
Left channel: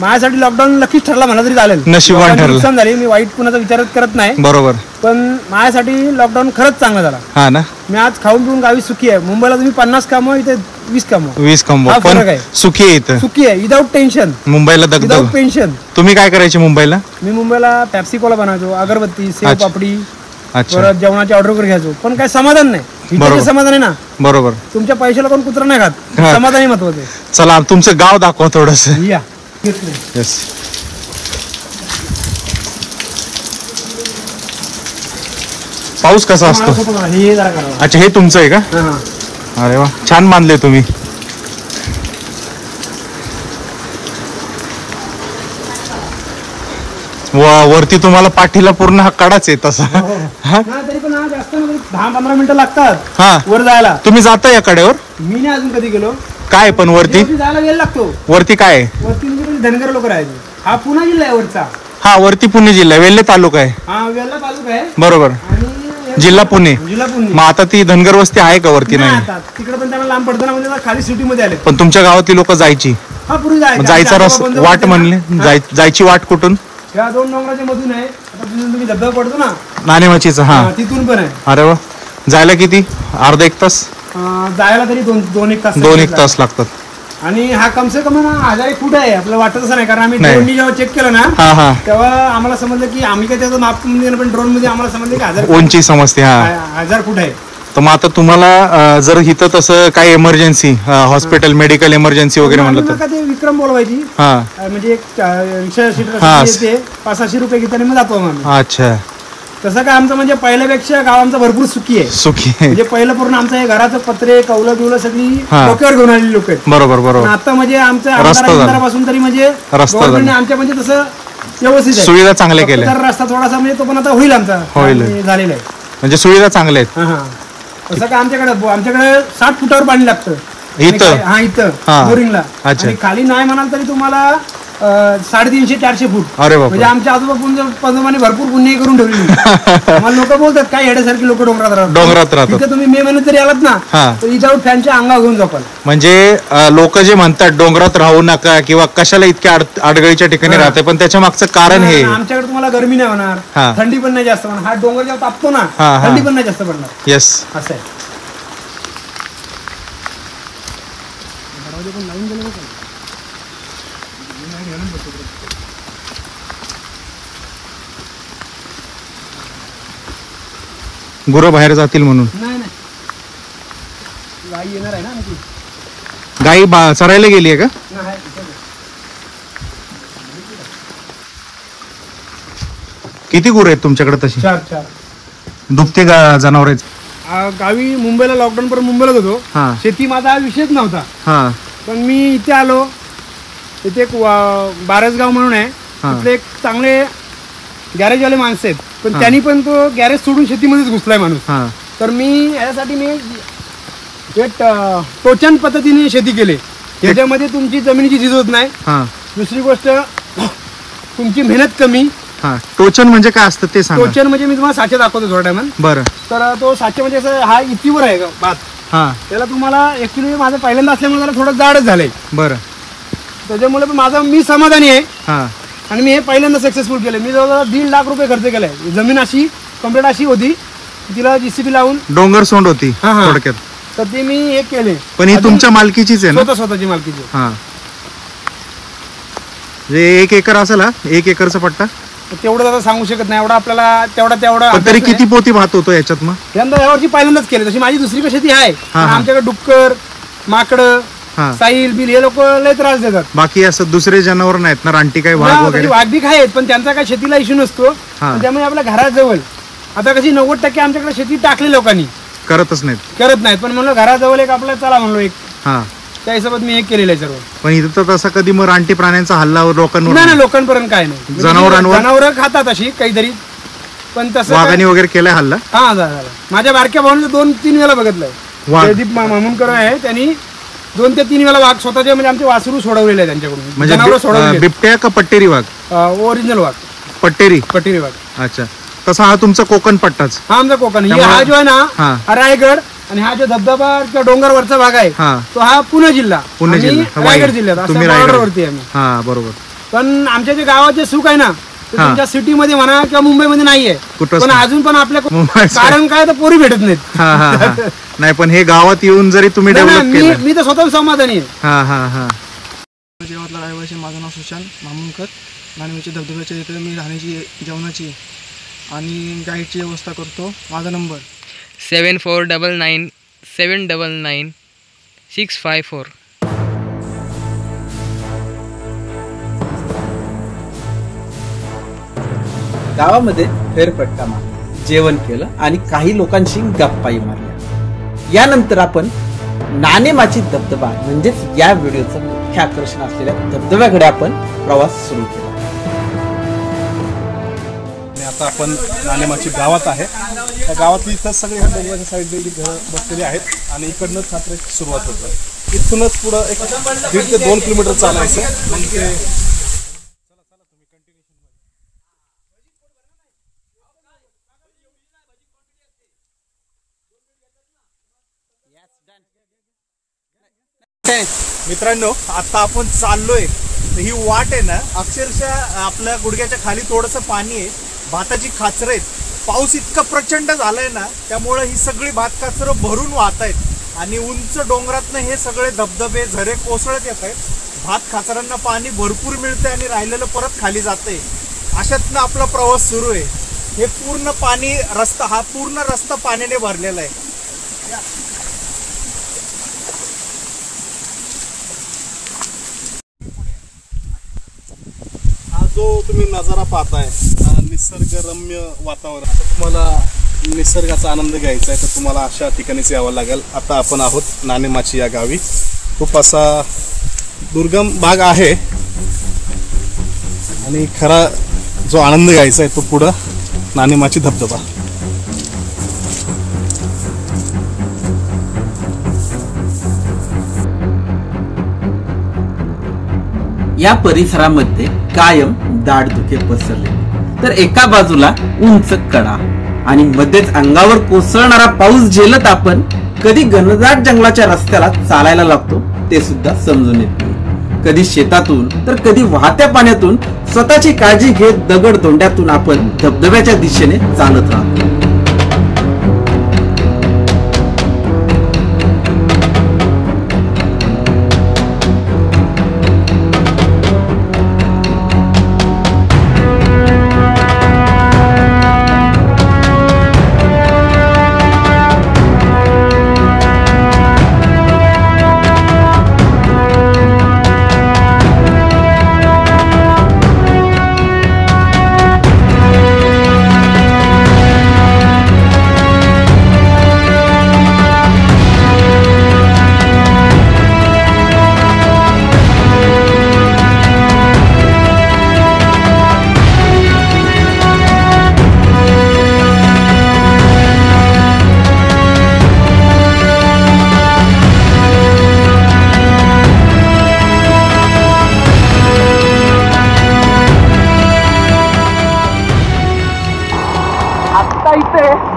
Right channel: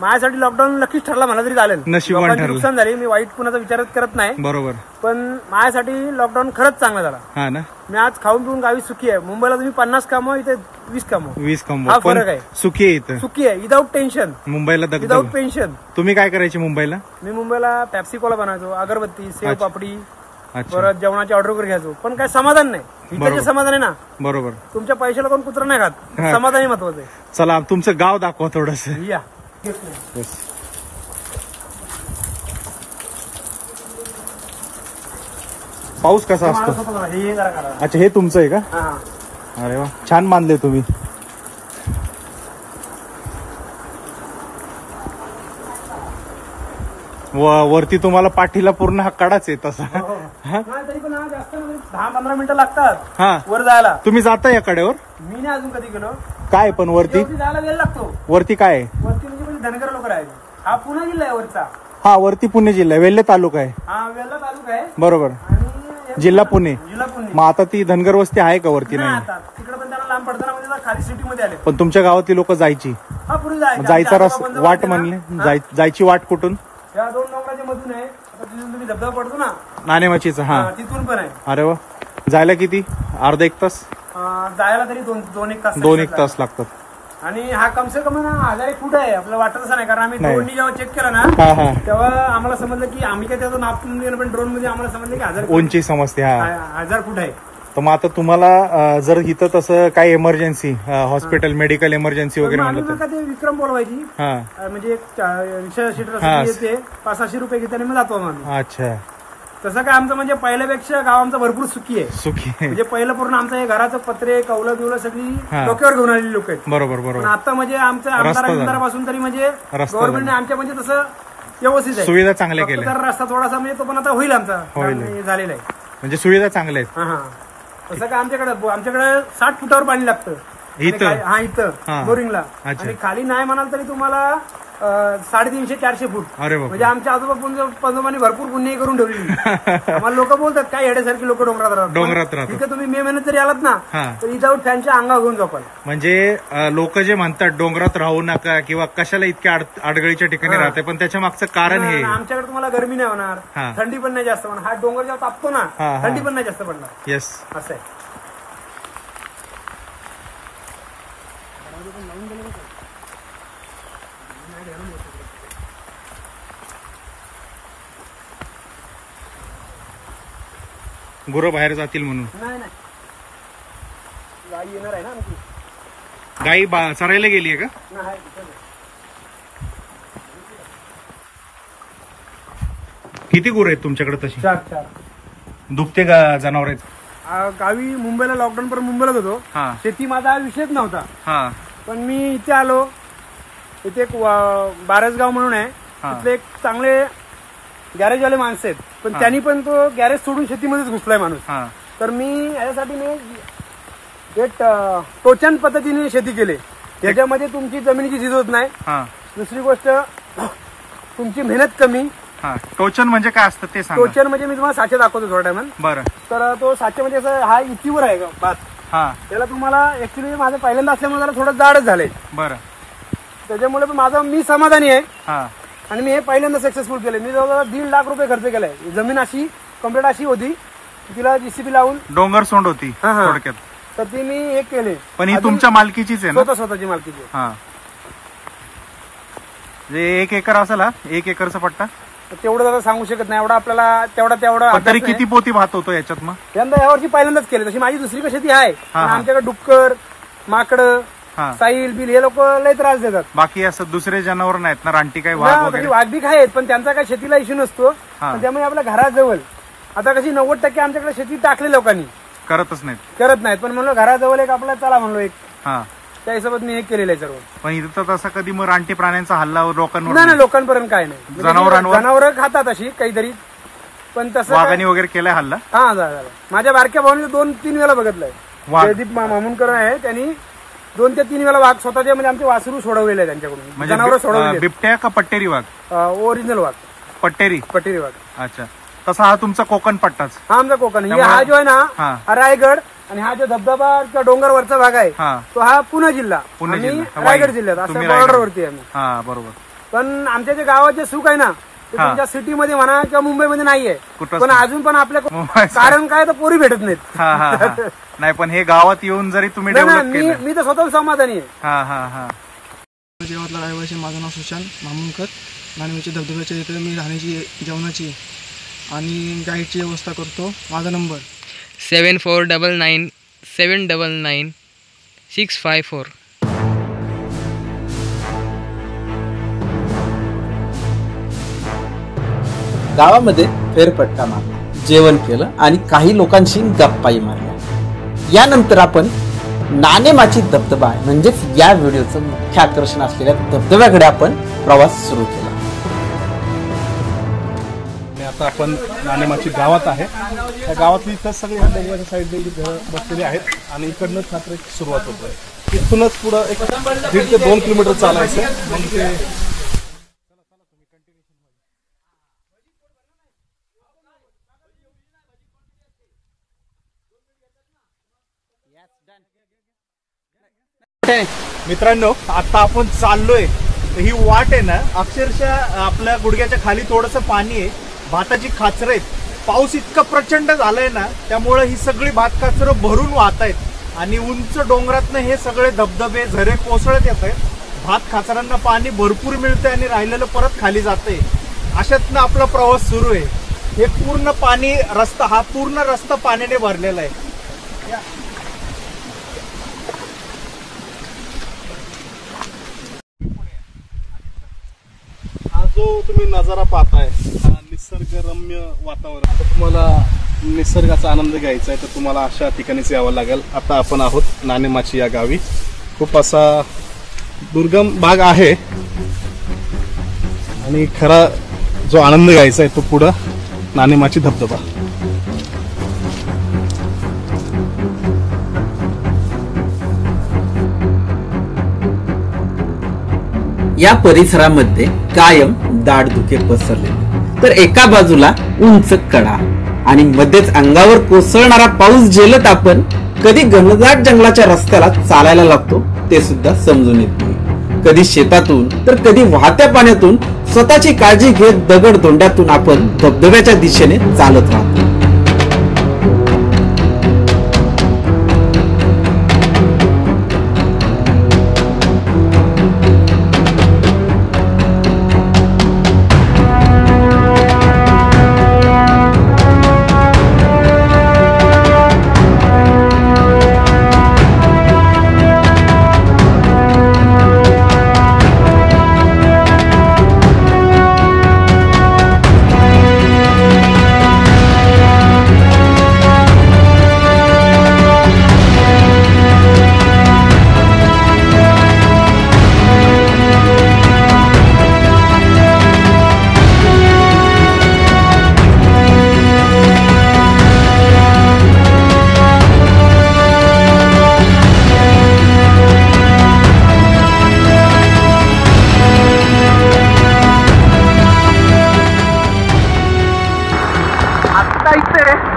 माझ्यासाठी लॉकडाऊन नक्कीच ठरला, मला तरी चालेल. नशिबान ठरलं. नुकसान झाले, मी वाईट कुणाचा विचार करत नाही. बरोबर. पण माझ्यासाठी लॉकडाऊन खरंच चांगला झाला. हा ना. मी आज खाऊन पिऊन गावी सुखी आहे. मुंबईला तुम्ही 50 कमवा, इथे 20 कमवा. 20 कमवा, पण सुखी आहे इथं. सुखी आहे, विदाउट टेन्शन. मुंबईला दगदग, विदाउट पेन्शन. तुम्ही काय करायचे मुंबईला? मी मुंबईला पॅप्सी कोला बनवायचो, अगरबत्ती, सेव पापडी, जेवणाची ऑर्डर वगैरे घ्यायचो. पण काही समाधान नाही. इथे समाधान आहे ना. बरोबर. तुमच्या पैशाला कोण कुत्रा नाही खात. समाधानी महत्वाचं आहे. चला तुमचं गाव दाखवा थोडस. या. पाऊस कसा असतो? अच्छा, हे तुमचं आहे का? अरे वा, छान बांधले तुम्ही. वरती तुम्हाला पाठीला पूर्ण हा कडाच आहे तसा. तरी पण जास्त 10-15 मिनिटं लागतात वर जायला. तुम्ही जाता या कडेवर? मी नाही अजून कधी गेलो. काय पण वरती जायला वेळ लागतो. वरती काय? वरती म्हणजे धनगर लोक राहायचे. हा पुणे जिल्हा आहे वरचा. हा, वरती पुणे जिल्हा, वेल्हे तालुका आहे. हा, वेल्हा तालुका आहे. बरोबर. आणि जिल्हा पुणे. मग आता ती धनगर वस्ती आहे का वरती? नाही, तिकडे पण त्यांना लांब पडतं ना, म्हणजे खाली सिटी मध्ये आले. पण तुमच्या गावातली लोक जायची? हा, पूर्वी जायचा वाट म्हणले. जायची वाट कुठून? या 2 डोंगराच्या मधून आहे. आता तुम्ही धबधबा पडतो ना नाणेमाचीचा, हा, तिथून पण आहे. अरे वा. जायला किती? अर्धा 1 तास? जायला तरी 2-1 तास. 2-1 तास लागतात. आणि हा कमसे कम 1000 फूट आहे. आपल्याला वाटत असं नाही, कारण आम्ही ड्रोननी जेव्हा चेक केलं ना तेव्हा आम्हाला समजलं की आम्ही काय त्याचं माप मध्ये, पण ड्रोन मध्ये आम्हाला समजलं की 1000 उंची समजते. 1000 फूट आहे. तर मग आता तुम्हाला जर इथं तसं काय इमर्जन्सी हॉस्पिटल, मेडिकल इमर्जन्सी वगैरे म्हणलं तर ते विक्रम बोलवायची. म्हणजे एक 100 सीटर 500 रुपये घेताना मग जातो आम्ही. अच्छा. तसं काय आमचं म्हणजे पहिल्यापेक्षा गाव आमचं भरपूर सुखी आहे. सुखी म्हणजे पहिलं पूर्ण आमचं हे घराचं पत्रे, कौलं बिवलं सगळी डोक्यावर घेऊन आलेली लोक आहेत. बरोबर बरोबर. आता म्हणजे आमच्या आमदारापासून तरी म्हणजे गव्हर्नमेंटने आमच्या म्हणजे तसं व्यवस्थित आहे, सुविधा चांगल्या केल्या. रस्ता थोडासा म्हणजे तो पण आता होईल आमचा, झालेला आहे. म्हणजे सुविधा चांगल्या आहेत. तसं काय आमच्याकडे 60 फुटावर पाणी लागतं इथं. इथं बोरिंगला. आणि खाली नाही म्हणाल तरी तुम्हाला 350-400 फूट. अरे बाप. म्हणजे आमच्या आजोबाने भरपूर पुण्य करून ठेवली. मला लोक बोलतात काय येण्यासारखी लोक डोंगरात राहतात. तुम्ही मे महिन्यात जरी आलात ना तर विदाऊट फॅनच्या अंगा घेऊन झोपाल. म्हणजे लोक जे म्हणतात डोंगरात राहू नका किंवा कशाला इतक्या अडगळीच्या ठिकाणी राहते, पण त्याच्या मागचं कारण हे आमच्याकडे तुम्हाला गरमी नाही होणार, थंडी पण नाही जास्त होणार. हा डोंगर जेव्हा तापतो ना थंडी पण नाही जास्त पडणार. येस, असं आहे. गुरं बाहेर जातील म्हणून. गाई येणार आहे ना आमची. गाई चरायला गेली आहे का? किती गुरं आहेत तुमच्याकडे तशी? 4. दुभते जनावर आहेत. गावी मुंबईला लॉकडाऊन पर्यंत मुंबईलाच होतो. शेती माझा हा विषयच नव्हता. पण मी इथे आलो. इथे एक बारसगाव म्हणून आहे, तिथे एक चांगले गॅरेजवाले माणसं आहेत, पण त्यांनी पण तो गॅरेज सोडून शेतीमध्येच घुसलाय माणूस. तर मी याच्यासाठी एक टोचन पद्धतीने शेती केली. याच्यामध्ये तुमची जमिनीची झीज होत नाही. दुसरी गोष्ट तुमची मेहनत कमी. टोचन म्हणजे काय असतं ते सांगा. टोचन म्हणजे मी तुम्हाला साचे दाखवतो थोड्या टायमात. बरं. तर तो साचे म्हणजे हा इतीवर आहे भात. त्याला तुम्हाला ऍक्च्युली माझं पहिल्यांदा असल्यामुळे त्याला थोडं जाडच झालंय. बरं. त्याच्यामुळे मी समाधानी आहे. आणि मी हे पहिल्यांदा सक्सेसफुल केलं. मी जवळजवळ 1.5 लाख रुपये खर्च केलाय. जमीन अशी कम्प्लीट अशी होती, तिला जीसीबी लावून डोंगर सोंड होती थोडक्यात. तर ते मी हे केले. पण ही तुमच्या मालकीचीच आहे ना? स्वतःची मालकीची. म्हणजे 1 एकर असेल. 1 एकरचा पट्टा तेवढं आता सांगू शकत नाही. एवढा आपल्याला तेवढा. पण तरी किती पोती भात होतो याच्यात? मग यंदा यावरची पहिल्यांदाच केली. तशी माझी दुसरी शेती आहे. आमच्याकडे डुक्कर, माकडं, साईल बिल हे लोक लय त्रास देतात. बाकी असं दुसरे जनावर नाहीत ना? रानटी काही वाघ वगैरे? वाघ बी आहेत, पण त्यांचा काही शेतीला इश्यू नसतो. त्यामुळे आपल्या घराजवळ आता कशी 90% आमच्याकडे शेती टाकली लोकांनी. करतच नाहीत. करत नाहीत. पण म्हणलं घराजवळ एक आपल्याला चला म्हणलो एक, हा, त्या हिशोबात मी एक केलेलं आहे सर्व. पण इथं तर तसा कधी मग रानटी प्राण्यांचा हल्ला लोकांवर नाही, लोकांपर्यंत काय नाही. जनावरांवर जनावर खातात अशी काहीतरी, पण तसं वाघाने वगैरे केलाय हल्ला? हा झाला. माझ्या बारक्या भावाने 2-3 वेळा बघितलंय. जयदीप मामुनकर आहे, त्यांनी 2 ते 3 वेळा वाघ स्वतःचे म्हणजे आमचे वासरू सोडवलेले आहे त्यांच्याकडून. म्हणजे बिबट्या का पट्टेरी वाघ? ओरिजिनल वाघ, पट्टेरी वाघ. अच्छा, तसा हा तुमचा कोकण पट्टाच? हा आमचा कोकण. हा जो आहे ना, हा रायगड, आणि हा जो धबधबा किंवा डोंगरवरचा भाग आहे तो हा पुणे जिल्हा, रायगड जिल्ह्यात. तुम्ही रायगडवरती आहे. हा बरोबर. पण आमच्या जे गावात जे सुख आहे ना, तुमच्या सिटीमध्ये म्हणा किंवा मुंबईमध्ये नाहीये. पण अजून पण आपल्या कारण काय तर पोरी भेटत नाहीत. नाही, पण हे गावात येऊन जरी तुम्ही डेव्हलप केलं, मी तर स्वतः समाधानी आहे. हा हा हा. जेव्हातला रहिवासी, माझं नाव सुशांत मामुनकर. नाणेवाची धबधब्याच्या इथे मी राहण्याची, जेवणाची आणि गाईडची व्यवस्था करतो. माझा नंबर 7499 799 654. गावामध्ये फेरफटका मारला, जेवण केलं आणि काही लोकांशी गप्पाही मारल्या. यानंतर आपण नाणेमाची धबधबा म्हणजेच या व्हिडिओचं मुख्य आकर्षण असलेल्या धबधब्याकडे आपण प्रवास सुरू केला. आणि आता आपण नाणेमाची गावात आहे. या गावातली इथं सगळे ह्या डोंगराच्या साईडला घरं बसलेली आहेत आणि इकडनंच हा ट्रेक सुरुवात होतोय. इथूनच पुढं एक 1.5 ते 2 किलोमीटर चालायचं. मग ते मित्रांनो, आता आपण चाललोय. ही वाट आहे ना, अक्षरशः आपल्या गुडघ्याच्या खाली थोडंसं पाणी आहे. भाताची खाचरं आहेत. पाऊस इतका प्रचंड झालाय ना, त्यामुळे ही सगळी भात काचरं भरून वाहत आहेत आणि उंच डोंगरातनं हे सगळे धबधबे झरे कोसळत येत आहेत. भात खाचरांना पाणी भरपूर मिळतंय आणि राहिलेलं परत खाली जातंय. अशातनं आपला प्रवास सुरू आहे. हे पूर्ण पाणी रस्ता, हा पूर्ण रस्ता पाण्याने भरलेला आहे. हा जो तुम्ही नजारा पाहताय, हा निसर्गरम्य वातावरण. आता तुम्हाला निसर्गाचा आनंद घ्यायचा आहे तर तुम्हाला अशा ठिकाणीच यावं लागेल. आता आपण आहोत नाणेमाची या गावी. खूप असा दुर्गम भाग आहे आणि खरा जो आनंद घ्यायचा आहे तो पुढं नाणेमाची धबधबा. या परिसरामध्ये कायम दाटधुके पसरले, तर एका बाजूला उंच कडा आणि मध्येच अंगावर कोसळणारा पाऊस झेलत आपण कधी घनदाट जंगलाच्या रस्त्याला चालायला लागतो ते सुद्धा समजून येत नाही. कधी शेतातून तर कधी वाहत्या पाण्यातून स्वतःची काळजी घेत दगड धोंड्यातून आपण धबधब्याच्या दिशेने चालत राहतो.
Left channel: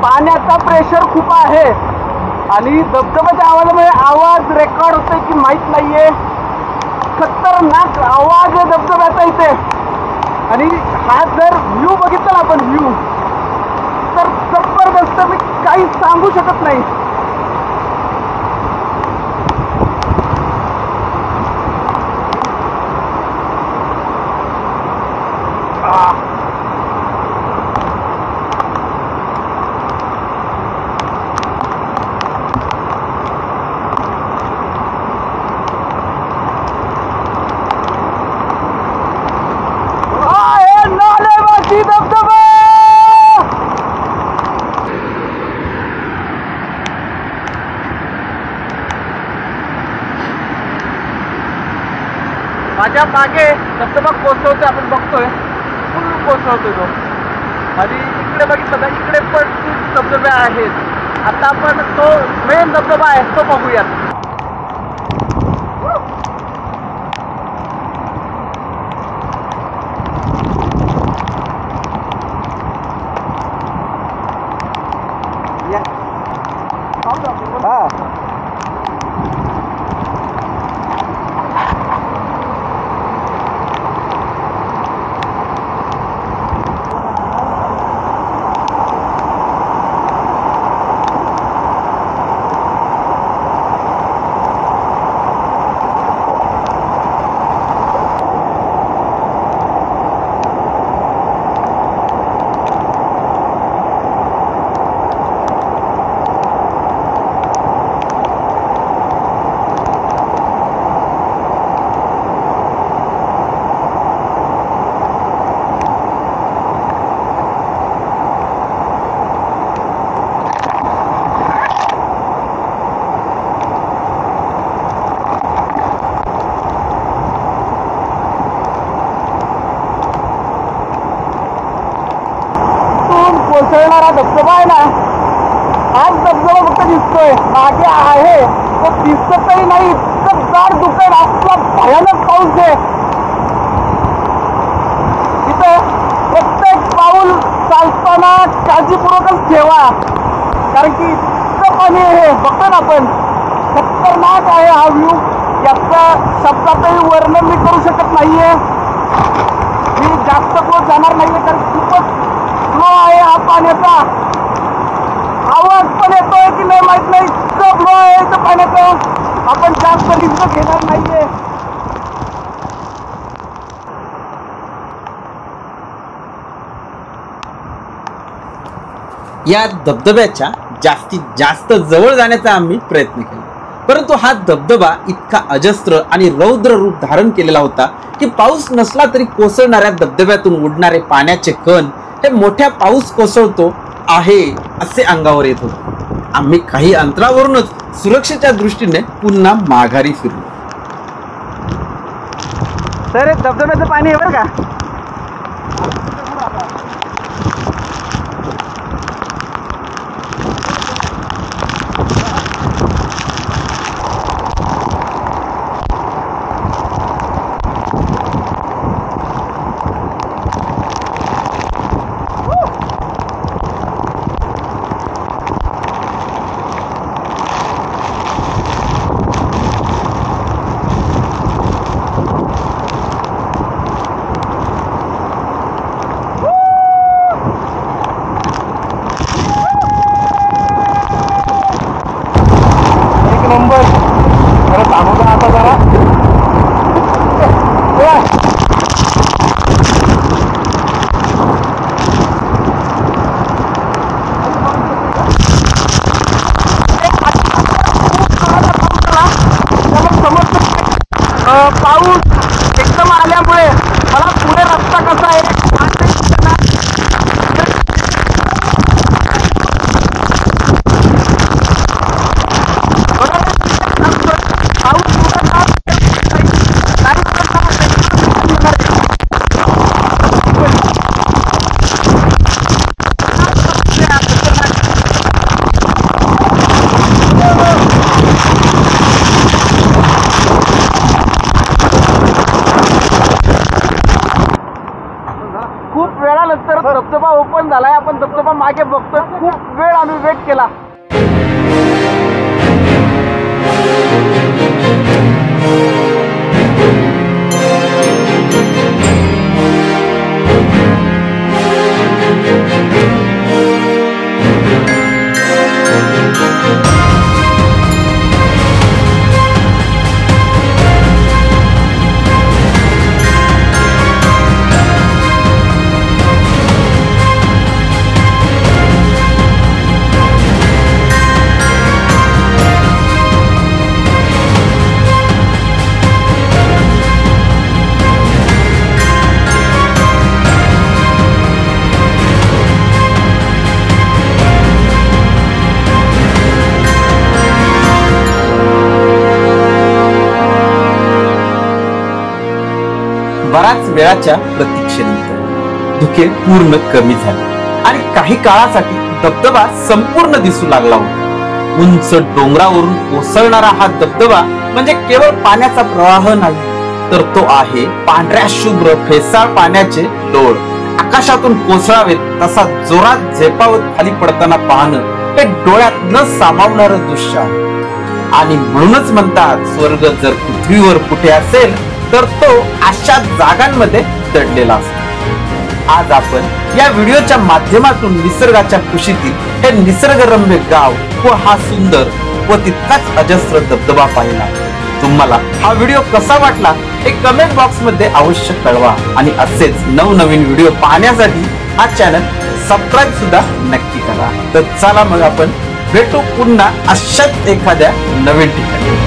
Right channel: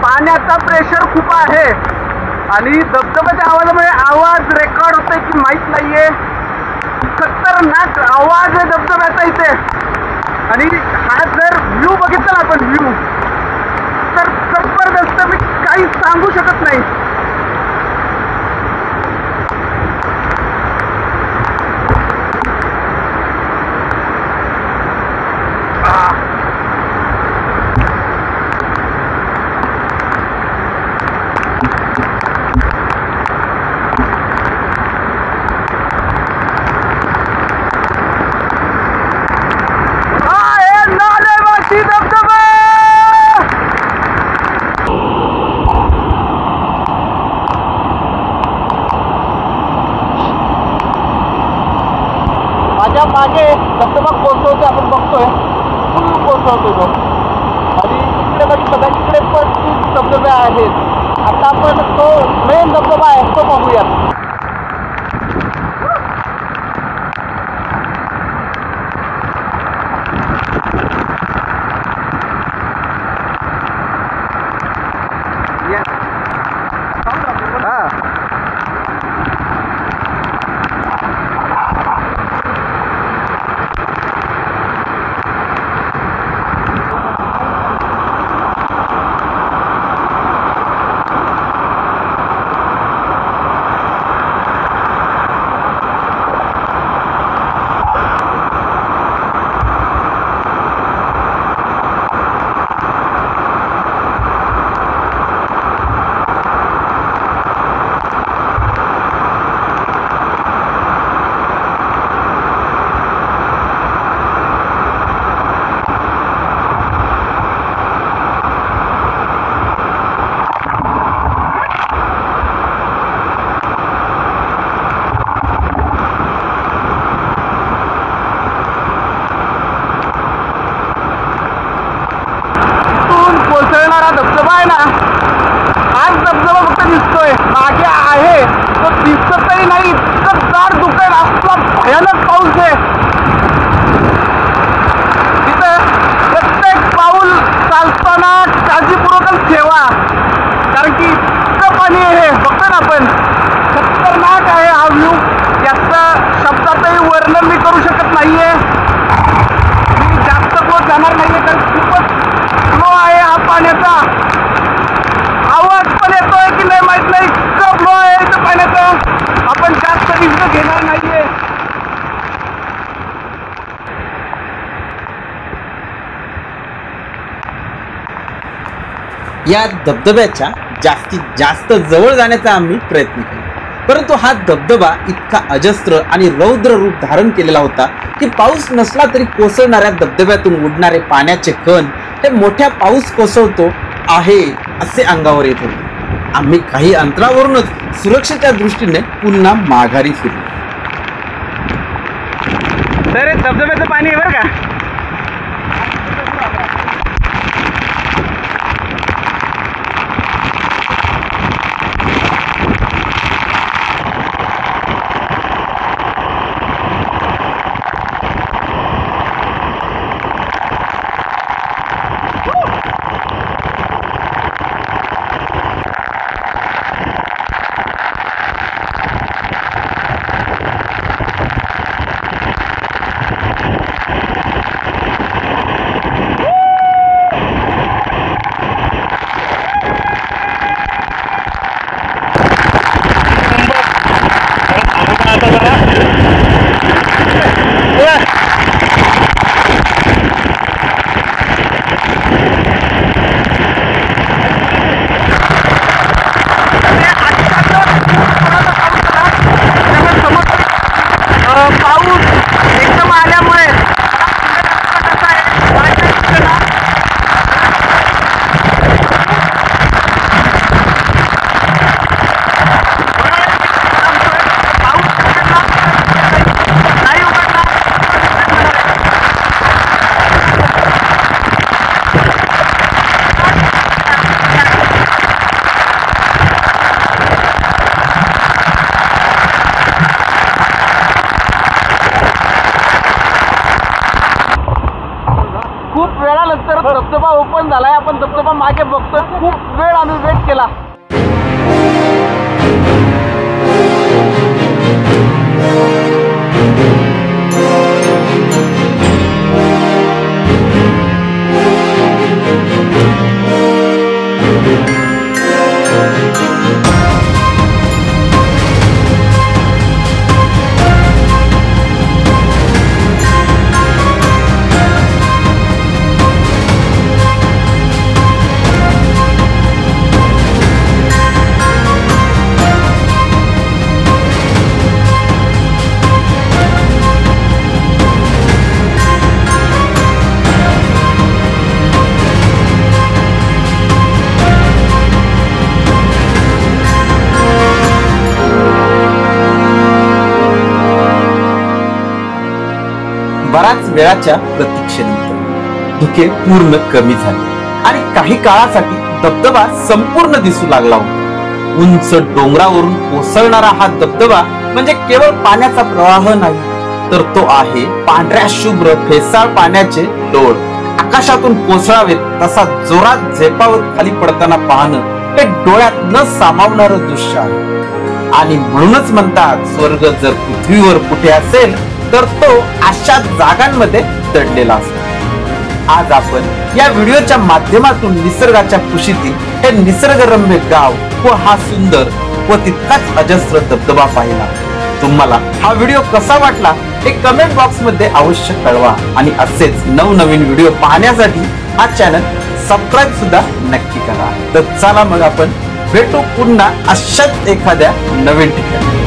पाण्याचा प्रेशर खूप आहे आणि धबधब्याच्या आवाजामुळे आवाज रेकॉर्ड होतोय की माहित नाहीये. खतरनाक आवाज आहे धबधब्याचा इथे. आणि हा जर व्ह्यू बघितला आपण व्ह्यू तर जबरदस्त, मी काही सांगू शकत नाही. त्या मागे धबधबा कोसळतोय, आपण बघतोय फुल कोसळतोय तो. आणि इकडे बघितलं तर इकडे पण खूप धबधबे आहेत. आता आपण तो मेन धबधबा आहे तो बघूयात. कोसळणारा धबधबा आहे ना, हाच धबधबा फक्त दिसतोय, मागे आहे तो दिसतही नाही. इतकं जाड धुकं आहे, असला भयानक पाऊस आहे तिथे. प्रत्येक पाऊल चालताना काळजीपूर्वक ठेवा, कारण की इतकं पाणी आहे. बघतोय ना आपण, खतरनाक आहे हा व्ह्यू. याचं शब्दातही वर्णन मी करू शकत नाहीये. मी जास्त क्लोज जाणार नाहीये, कारण खूपच फ्लो आहे हा पाण्याचा. आवाज पण येतोय की नाही माहित नाही, इतकं फ्लो आहे इथं पाण्याचा. आपण जास्त रिस्क घेणार नाहीये. या धबधब्याच्या जास्तीत जास्त जवळ जाण्याचा आम्ही प्रयत्न केला, परंतु हा धबधबा इतका अजस्त्र आणि रौद्र रूप धारण केलेला होता की पाऊस नसला तरी कोसळणाऱ्या धबधब्यातून उडणारे पाण्याचे कण हे मोठ्या पाऊस कोसळतो आहे असे अंगावर येत होते. आम्ही काही अंतरावरूनच सुरक्षेच्या दृष्टीने पुन्हा माघारी फिरलो. तर धबधब्याचं पाणी आहे बरं का. पाऊस एकदम आल्यामुळे मला पुढे रस्ता कसा आहे पाऊस उघडला नाही उघडला. खूप वेळानंतर धबधबा ओपन झालाय. आपण धबधबा मागे बघतोय. खूप वेळ आम्ही वेट केला. वेळाच्या प्रतीक्षेनंतर धुके पूर्ण कमी झाले आणि काही काळासाठी धबधबा संपूर्ण दिसू लागला होता. उंच डोंगरावरून कोसळणारा हा धबधबा म्हणजे केवळ पाण्याचा प्रवाह नाही, तर तो आहे पांढऱ्या शुभ्र फेसाळ पाण्याचे डोळ. आकाशातून कोसळावेत तसा जोरात झेपावत खाली पडताना पाहणं हे डोळ्यात न सामावणारं दृश्य आहे. आणि म्हणूनच म्हणतात, स्वर्ग जर पृथ्वीवर कुठे असेल तर तो अशा जागांमध्ये दडलेला असतो. आज आपण या व्हिडिओच्या माध्यमातून निसर्गाच्या कुशीतील हे निसर्गरम्य गाव व हा सुंदर व तितकाच अजस्र धबधबा पाहिला. तुम्हाला हा व्हिडिओ कसा वाटला हे कमेंट बॉक्स मध्ये अवश्य कळवा आणि असेच नवनवीन व्हिडिओ पाहण्यासाठी हा चॅनल सबस्क्राईब सुद्धा नक्की करा. तर चला मग आपण भेटू पुन्हा अशाच एखाद्या नवीन ठिकाणी.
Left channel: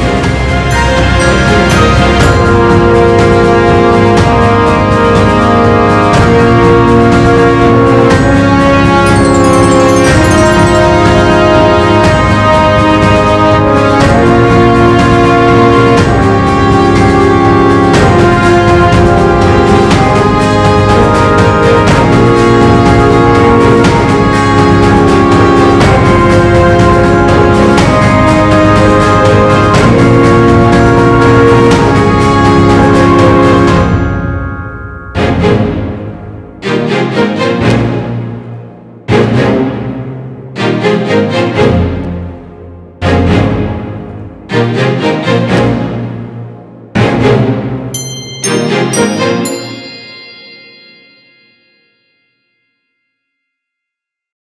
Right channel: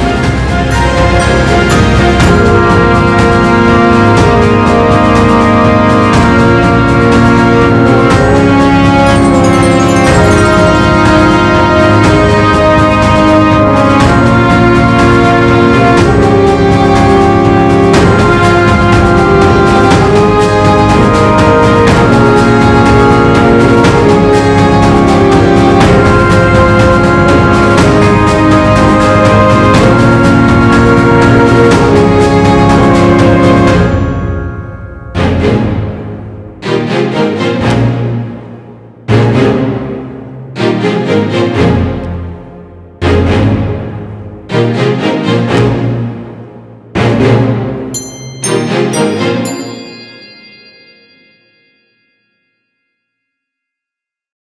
Thank you.